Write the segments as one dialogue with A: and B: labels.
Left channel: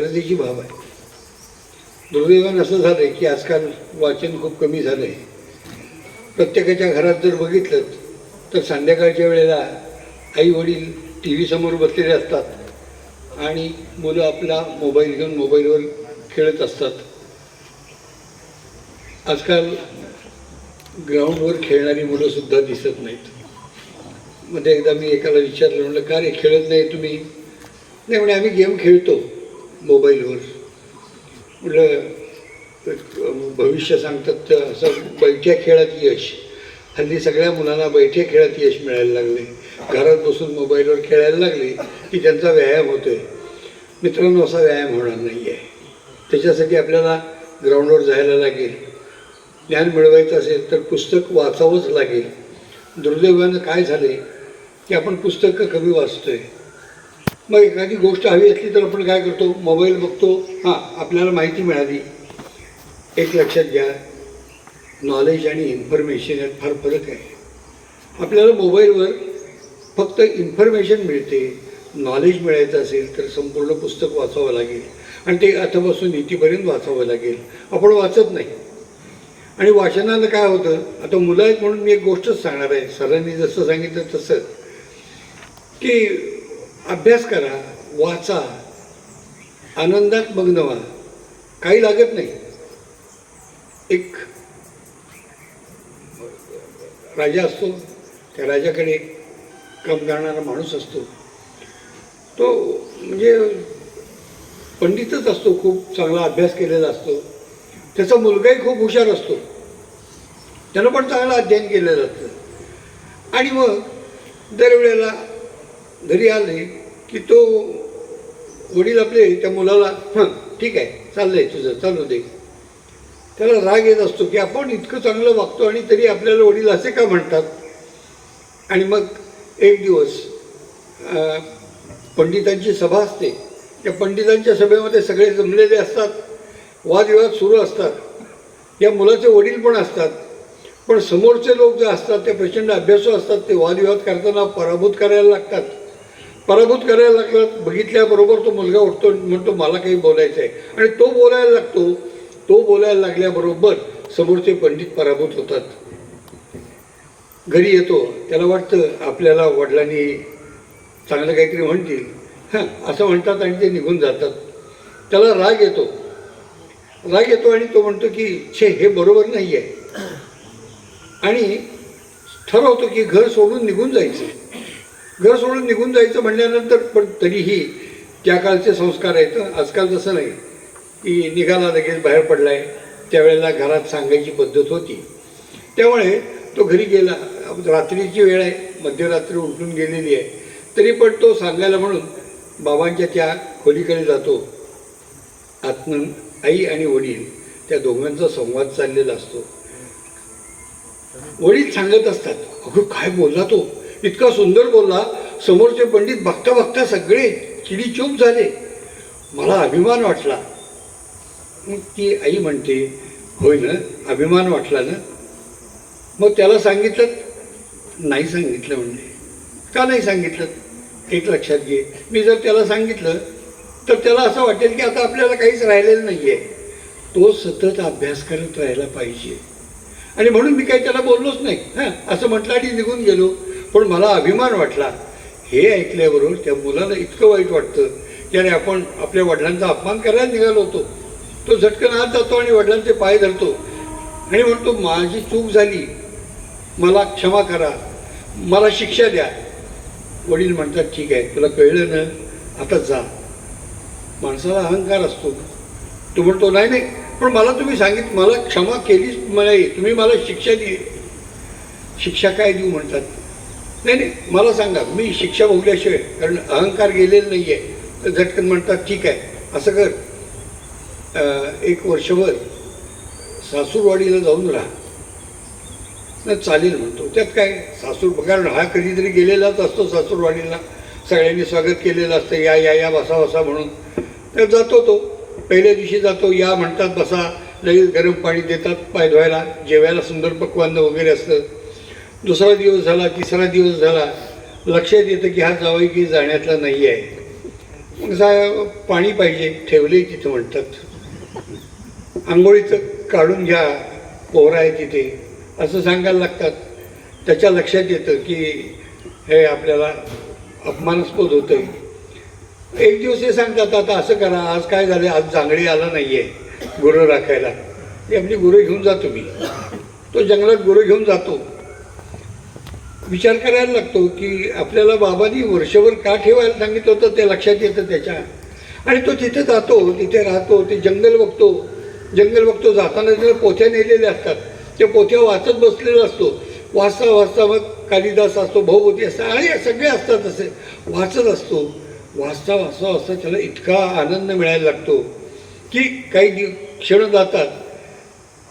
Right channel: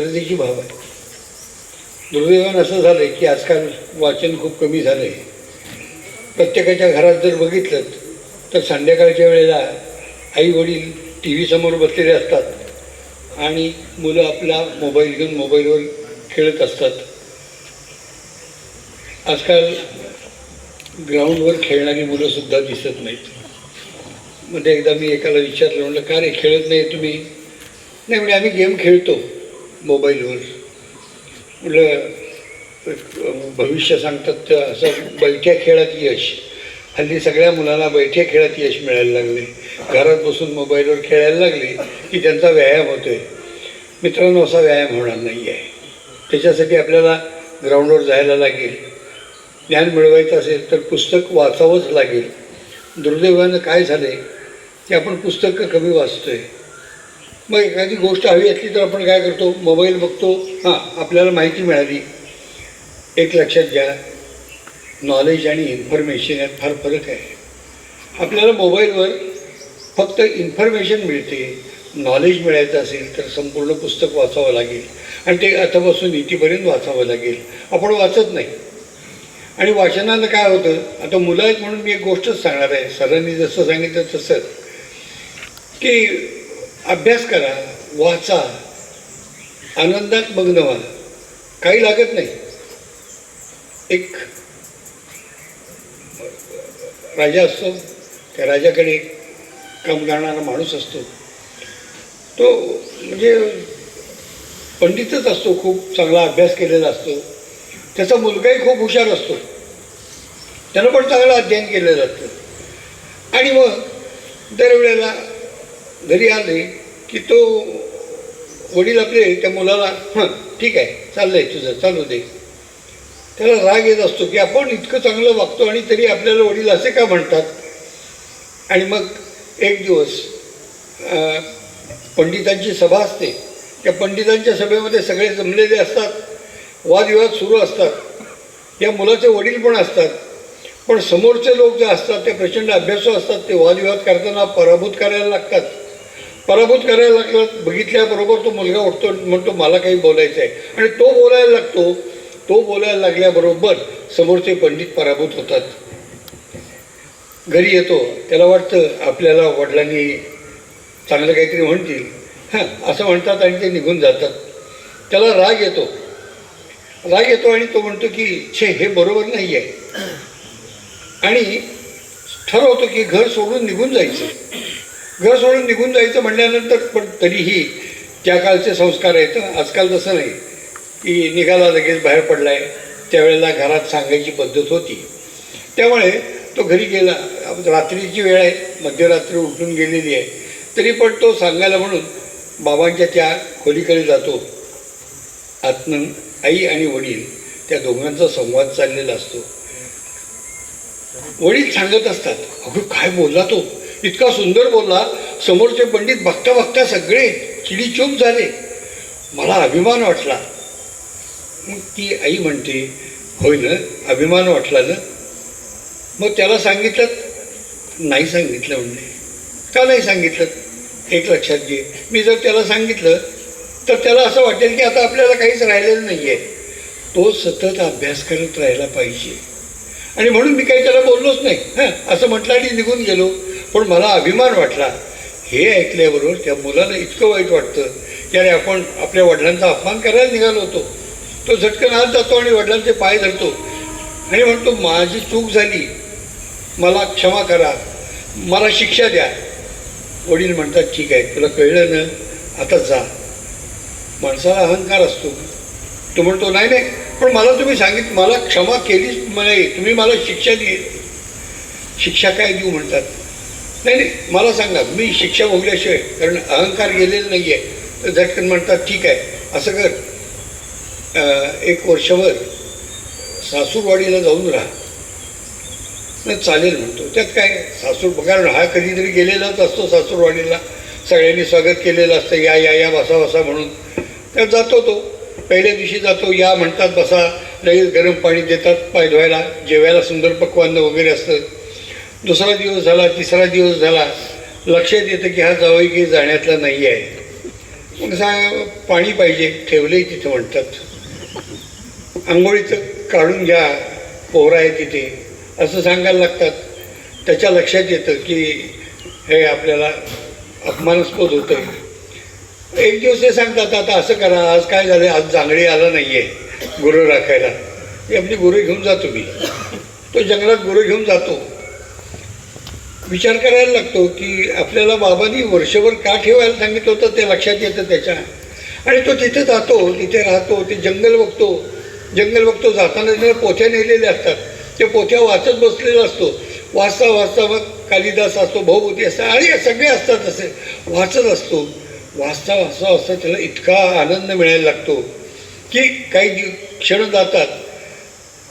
A: गरजेची भाव आहे. दुर्दैवानं असं झालं आहे की आजकाल वाचन खूप कमी झालं आहे प्रत्येकाच्या घरात जर बघितलं तर संध्याकाळच्या वेळेला आई वडील टी व्ही समोर बसलेले असतात आणि मुलं आपला मोबाईल घेऊन मोबाईलवर खेळत असतात. आजकाल ग्राउंडवर खेळणारी मुलंसुद्धा दिसत नाहीत. मध्ये एकदा मी एकाला विचारलं म्हटलं का रे खेळत नाही तुम्ही? नाही म्हणजे आम्ही गेम खेळतो. मोबाईलवर. म्हटलं भविष्य सांगतात तर असं बैठ्या खेळात यश. हल्ली सगळ्या मुलांना बैठ्या खेळात यश मिळायला लागले. घरात बसून मोबाईलवर खेळायला लागले की त्यांचा व्यायाम होतो आहे मित्रांनो असा व्यायाम होणार नाही आहे त्याच्यासाठी आपल्याला ग्राउंडवर जायला लागेल. ज्ञान मिळवायचं असेल तर पुस्तक वाचावंच लागेल. दुर्दैवानं काय झालं आहे की आपण पुस्तकं कमी वाचतो आहे मग एखादी गोष्ट हवी असली तर आपण काय करतो? मोबाईल बघतो. हां आपल्याला माहिती मिळाली. एक लक्षात घ्या. नॉलेज आणि इन्फॉर्मेशन यात फार फरक आहे. आपल्याला मोबाईलवर फक्त इन्फॉर्मेशन मिळते. नॉलेज मिळायचं असेल तर संपूर्ण पुस्तक वाचावं लागेल. आणि ते अथपासून इथेपर्यंत वाचावं लागेल. आपण वाचत नाही. आणि वाचनानं काय होतं? आता मुलं आहेत म्हणून मी एक गोष्टच सांगणार आहे. सरांनी जसं सांगितलं तसं. की अभ्यास करा वाचा. आनंदात मग्न व्हा. काही लागत नाही. एक राजा असतो त्या राजाकडे एक काम करणारा माणूस असतो. तो म्हणजे पंडितच असतो खूप चांगला अभ्यास केलेला असतो. त्याचा मुलगाही खूप हुशार असतो. त्यानं पण चांगलं अध्ययन केलेलं असतं. आणि मग दरवेळेला घरी आले की तो वडील आपले त्या मुलाला हं ठीक आहे चाललंय तुझं चालू दे. त्याला राग येत असतो की आपण इतकं चांगलं वागतो आणि तरी आपल्याला वडील असे का म्हणतात? आणि मग एक दिवस पंडितांची सभा असते. त्या पंडितांच्या सभेमध्ये सगळे जमलेले असतात वादविवाद सुरू असतात. या मुलाचे वडील पण असतात. पण समोरचे लोक जे असतात ते प्रचंड अभ्यासू असतात ते वादविवाद करताना पराभूत करायला लागतात. पराभूत करायला लागला बघितल्याबरोबर तो मुलगा उठतो म्हणतो मला काही बोलायचं आहे. आणि तो बोलायला लागतो तो बोलायला लागल्याबरोबर समोरचे पंडित पराभूत होतात. घरी येतो त्याला वाटतं आपल्याला वडिलांनी चांगलं काहीतरी म्हणतील. हां असं म्हणतात आणि ते निघून जातात. त्याला राग येतो. राग येतो आणि तो म्हणतो की छे हे बरोबर नाही आहे. आणि ठरवतो की घर सोडून निघून जायचं. घर सोडून निघून जायचं म्हणल्यानंतर पण तरीही त्या काळचे संस्कार आहेत. आजकाल तसं नाही. की निघाला लगेच बाहेर पडलाय. त्यावेळेला घरात सांगायची पद्धत होती. त्यामुळे तो घरी गेला. रात्रीची वेळ आहे. मध्यरात्री उठून गेलेली आहे. तरी पण तो सांगायला म्हणून बाबांच्या त्या खोलीकडे जातो. आतनं आई आणि वडील त्या दोघांचा संवाद चाललेला असतो. वडील सांगत असतात अगं काय बोलला तो? इतका सुंदर बोलला समोरचे पंडित बघता बघता सगळे चिडीचूप झाले. मला अभिमान वाटला. मग ती आई म्हणते होय ना अभिमान वाटला ना? मग त्याला सांगितलं नाही सांगितलं म्हणणे का नाही सांगितलं? एक लक्षात घे. मी जर त्याला सांगितलं तर त्याला असं वाटेल की आता आपल्याला काहीच राहिलेलं नाही आहे तो सतत अभ्यास करत राहायला पाहिजे. आणि म्हणून मी काही त्याला बोललोच नाही. हां असं म्हटलं आणि निघून गेलो. पण मला अभिमान वाटला. हे ऐकल्याबरोबर त्या मुलाला इतकं वाईट वाटतं की अरे आपण आपल्या वडिलांचा अपमान करायला निघालो होतो. तो झटकन आत जातो आणि वडिलांचे पाय धरतो. आणि म्हणतो माझी चूक झाली. मला क्षमा करा. मला शिक्षा द्या. वडील म्हणतात ठीक आहे तुला कळलं ना? आता जा. माणसाला अहंकार असतो. तो म्हणतो नाही नाही पण मला तुम्ही सांगित मला क्षमा केलीच नाही. तुम्ही मला शिक्षा दिली. शिक्षा काय देऊ? म्हणतात. नाही नाही मला सांगा मी शिक्षा भोगल्याशिवाय कारण अहंकार गेलेला नाही आहे तर झटकन म्हणतात ठीक आहे. असं कर. एक वर्षभर सासूरवाडीला जाऊन राहा. न चालेल म्हणतो. त्यात काय सासूर बघा हा कधीतरी गेलेलाच असतो सासूरवाडीला. सगळ्यांनी स्वागत केलेलं असतं या या या बसा बसा म्हणून. तर जातो तो. पहिल्या दिवशी जातो या म्हणतात बसा. लगेच गरम पाणी देतात पाय धुवायला जेवायला सुंदर पक्वान्न वगैरे असतं. दुसरा दिवस झाला तिसरा दिवस झाला लक्षात येतं की हा जावई की जाण्यातला नाही आहे मग सा पाणी पाहिजे ठेवले तिथे म्हणतात. आंघोळीचं काढून घ्या पोहरा आहे तिथे. असं सांगायला लागतात. त्याच्या लक्षात येतं की हे आपल्याला अपमानास्पद होतं एक दिवस हे सांगतात आता असं करा आज काय झालं आज जांगडी आला नाही आहे गुरं राखायला. हे आपली गुरु घेऊन जातो मी तो जंगलात गुरु घेऊन जातो. विचार करायला लागतो की आपल्याला बाबांनी वर्षभर का ठेवायला सांगितलं होतं ते लक्षात येतं त्याच्या. आणि तो तिथे जातो तिथे राहतो ते जंगल बघतो. जंगल बघतो जाताना त्याला पोथ्या नेलेल्या असतात. त्या पोथ्या वाचत बसलेला असतो. वाचता वाचता मग कालिदास असतो भाऊभूती असतात आणि सगळे असतात असे वाचत असतो. वाचता वाचता वाचता त्याला इतका आनंद मिळायला लागतो की काही क्षण जातात.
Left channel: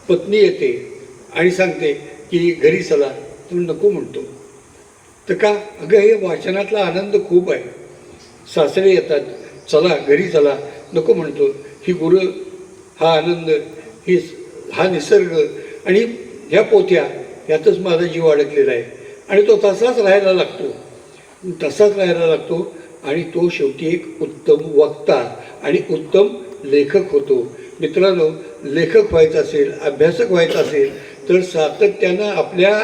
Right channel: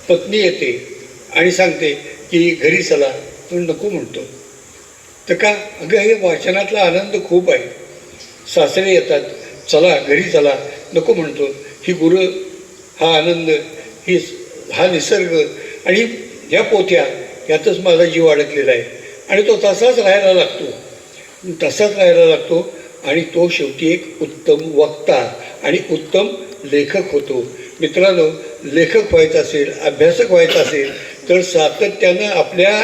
A: पत्नी येते आणि सांगते की घरी चला. तो नको म्हणतो. तर का अगं हे वाचनातला आनंद खूप आहे. सासरे येतात चला घरी चला. नको म्हणतो. ही गुरं हा आनंद ही हा निसर्ग आणि ह्या पोथ्या यातच माझा जीव अडकलेला आहे. आणि तो तसाच राहायला लागतो. तसाच राहायला लागतो आणि तो शेवटी एक उत्तम वक्ता आणि उत्तम लेखक होतो. मित्रांनो लेखक व्हायचा असेल अभ्यासक व्हायचा असेल तर सातत्यानं आपल्या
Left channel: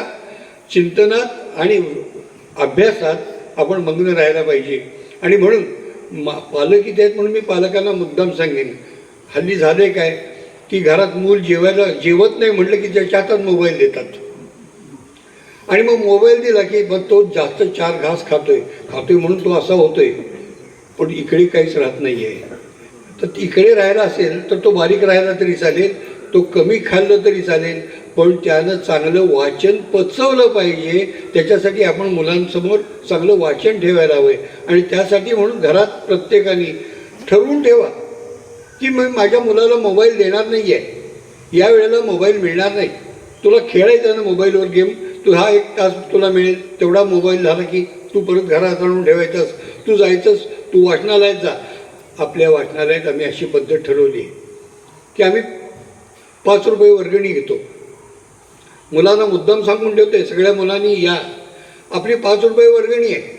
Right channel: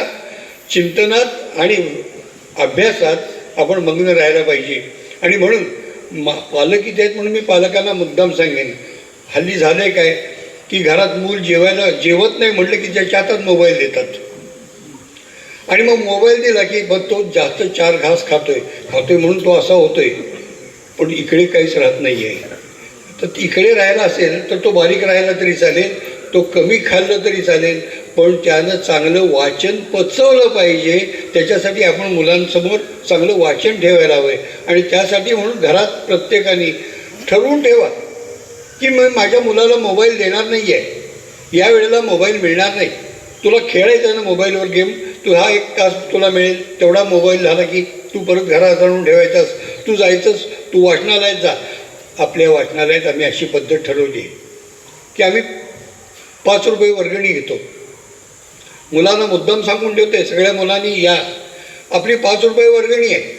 A: चिंतनात आणि अभ्यासात आपण मग्न राहायला पाहिजे. आणि म्हणून मा पालकीत आहेत म्हणून मी पालकांना मुद्दाम सांगेन हल्ली झाले काय? की घरात मूल जेवायला जेवत नाही म्हटलं की त्याच्या हातात मोबाईल देतात. आणि मग मोबाईल दिला की मग तो जास्त चार घास खातोय. खातोय म्हणून तो असा होतोय. पण इकडे काहीच राहत नाही आहे तर इकडे राहायला असेल तर तो बारीक राहायला तरी चालेल तो कमी खाल्लं तरी चालेल पण त्यानं चांगलं वाचन पचवलं पाहिजे. त्याच्यासाठी आपण मुलांसमोर चांगलं वाचन ठेवायला हवं. आहे आणि त्यासाठी म्हणून घरात प्रत्येकाने ठरवून ठेवा की मग माझ्या मुलाला मोबाईल देणार नाही आहे या वेळेला मोबाईल मिळणार नाही. तुला खेळायचं आहे ना मोबाईलवर गेम? तू हा एक तास तुला मिळेल. तेवढा मोबाईल झाला की तू परत घरात आणून ठेवायचास. तू जायचंस तू वाचनालयात जा. आपल्या वाचनालयात आम्ही अशी पद्धत ठरवली आहे की आम्ही पाच रुपये वर्गणी घेतो. मुलांना मुद्दाम सांगून ठेवते सगळ्या मुलांनी या. आपली पाच रुपये वर्गणी आहे.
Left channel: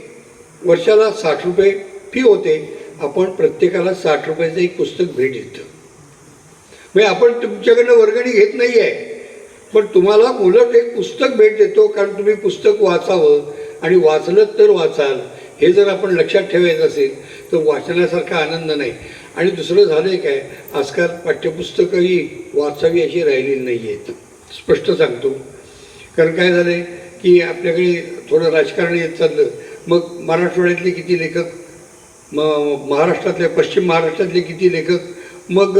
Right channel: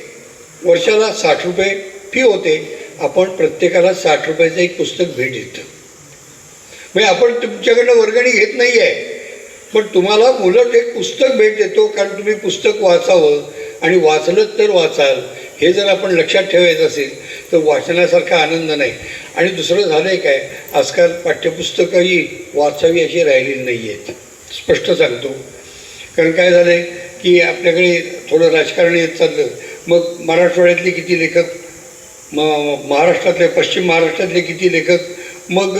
A: वर्षाला साठ रुपये फी होते. आपण प्रत्येकाला साठ रुपयाचं एक पुस्तक भेट देतं. म्हणजे आपण तुमच्याकडनं वर्गणी घेत नाही आहे पण तुम्हाला मुलं एक पुस्तक भेट देतो कारण तुम्ही पुस्तक वाचावं आणि वाचलं तर वाचाल. हे जर आपण लक्षात ठेवायचं असेल तर वाचण्यासारखा आनंद नाही. आणि दुसरं झालं आहे काय? आजकाल पाठ्यपुस्तकंही वाचावी अशी राहिलेली नाही आहेत स्पष्ट सांगतो. कारण काय झालं आहे की आपल्याकडे थोडं राजकारण येत चाललं. मग मराठवाड्यातले किती लेखक म महाराष्ट्रातले पश्चिम महाराष्ट्रातले किती लेखक मग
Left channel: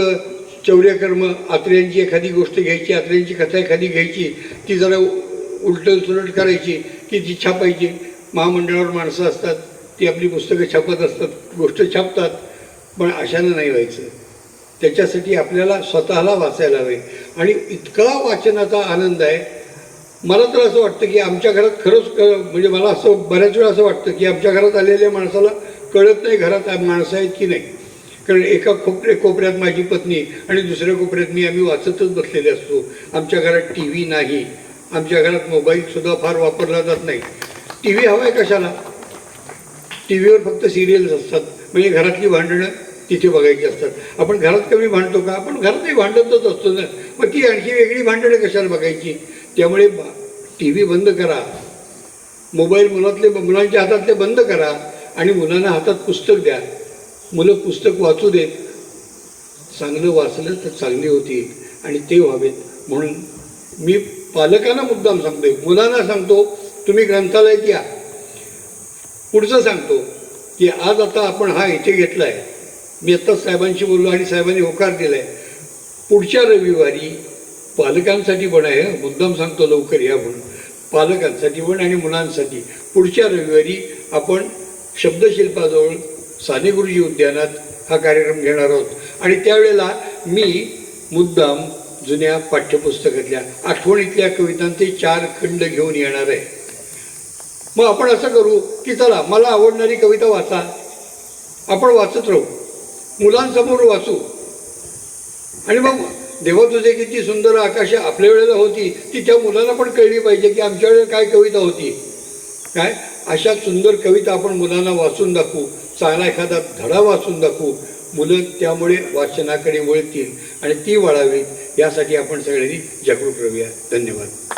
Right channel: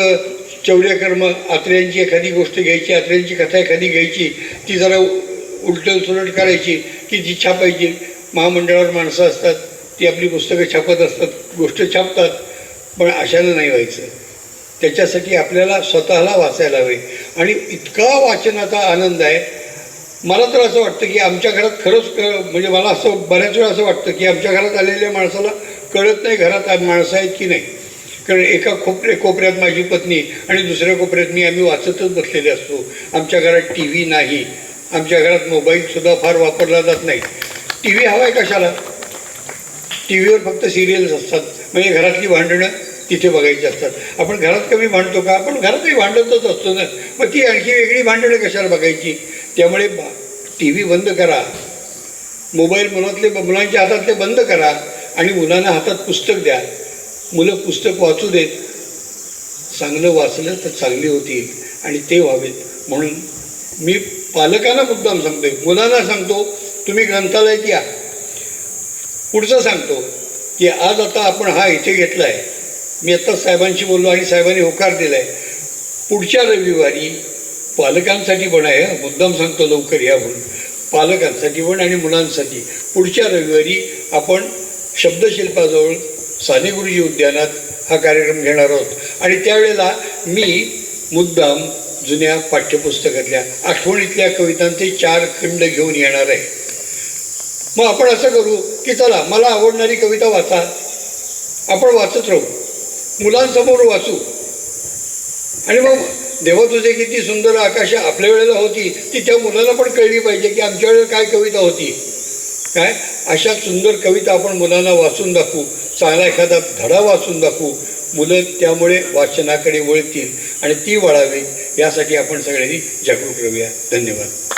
A: चौलेकर मग आत्रेयांची एखादी गोष्ट घ्यायची आत्र्यांची कथा एखादी घ्यायची ती जरा उलटसुलट करायची की जी छापायची. महामंडळावर माणसं असतात ती आपली पुस्तकं छापत असतात गोष्ट छापतात पण अशानं नाही व्हायचं. त्याच्यासाठी आपल्याला स्वतःला वाचायला हवे. आणि इतका वाचनाचा आनंद आहे. मला तर असं वाटतं की आमच्या घरात खरंच म्हणजे मला असं बऱ्याच वेळा असं वाटतं की आमच्या घरात आलेल्या माणसाला कळत नाही घरात माणसं आहेत की नाही. कारण एका कोपऱ्या कोपऱ्यात माझी पत्नी आणि दुसऱ्या कोपऱ्यात मी आम्ही वाचतच बसलेले असतो. आमच्या घरात टी व्ही नाही. आमच्या घरात मोबाईलसुद्धा फार वापरला जात नाही. टी व्ही हवा आहे कशाला? टी व्हीवर फक्त सिरियल्स असतात. म्हणजे घरातली भांडणं तिथे बघायची असतात. आपण घरात कमी भांडतो का? आपण घरातही भांडतच असतो ना. मग ती आणखी वेगळी भांडणं कशाला बघायची? त्यामुळे टी व्ही बंद करा. मोबाईल मुलातले मुलांच्या हातातले बंद करा आणि मुलांना हातात पुस्तक द्या. मुलं पुस्तक वाचू देत. चांगलं वाचलं तर चांगली होतील आणि ते व्हावेत. म्हणून मी पालकांना मुद्दाम सांगतोय. मुलांना सांगतो तुम्ही ग्रंथालयात या. पुढचं सांगतो की आज आता आपण हा इथे घेतला आहे मी आत्ताच साहेबांशी बोललो आणि साहेबांनी होकार दिला आहे पुढच्या रविवारी पालकांसाठी पण आहे मुद्दाम सांगतो लवकर या म्हणून. पालकांसाठी पण आणि मुलांसाठी. पुढच्या रविवारी आपण शब्दशिल्पाजवळ साने गुरुजी उद्यानात हा कार्यक्रम घेणार आहोत. आणि त्यावेळेला मी मुद्दाम जुन्या पाठ्यपुस्तकातल्या आठवणीतल्या कवितांचे चार खंड घेऊन येणार आहे. मग आपण असं करू की चला मला आवडणारी कविता वाचा. आपण वाचत राहू. मुलांसमोर वाचू. आणि मग देवा तुझे किती सुंदर आकाश आपल्या वेळेला होती ती त्या मुलाला पण कळली पाहिजे की आमच्या वेळेला काय कविता होती. काय? अशा सुंदर कविता आपण मुलांना वाचून दाखवू. चांगला एखादा धडा वाचून दाखवू. मुलं त्यामुळे वाचनाकडे वळतील आणि ती वळावी. यासाठी आपण सगळ्यांनी जागरूक राहूया धन्यवाद.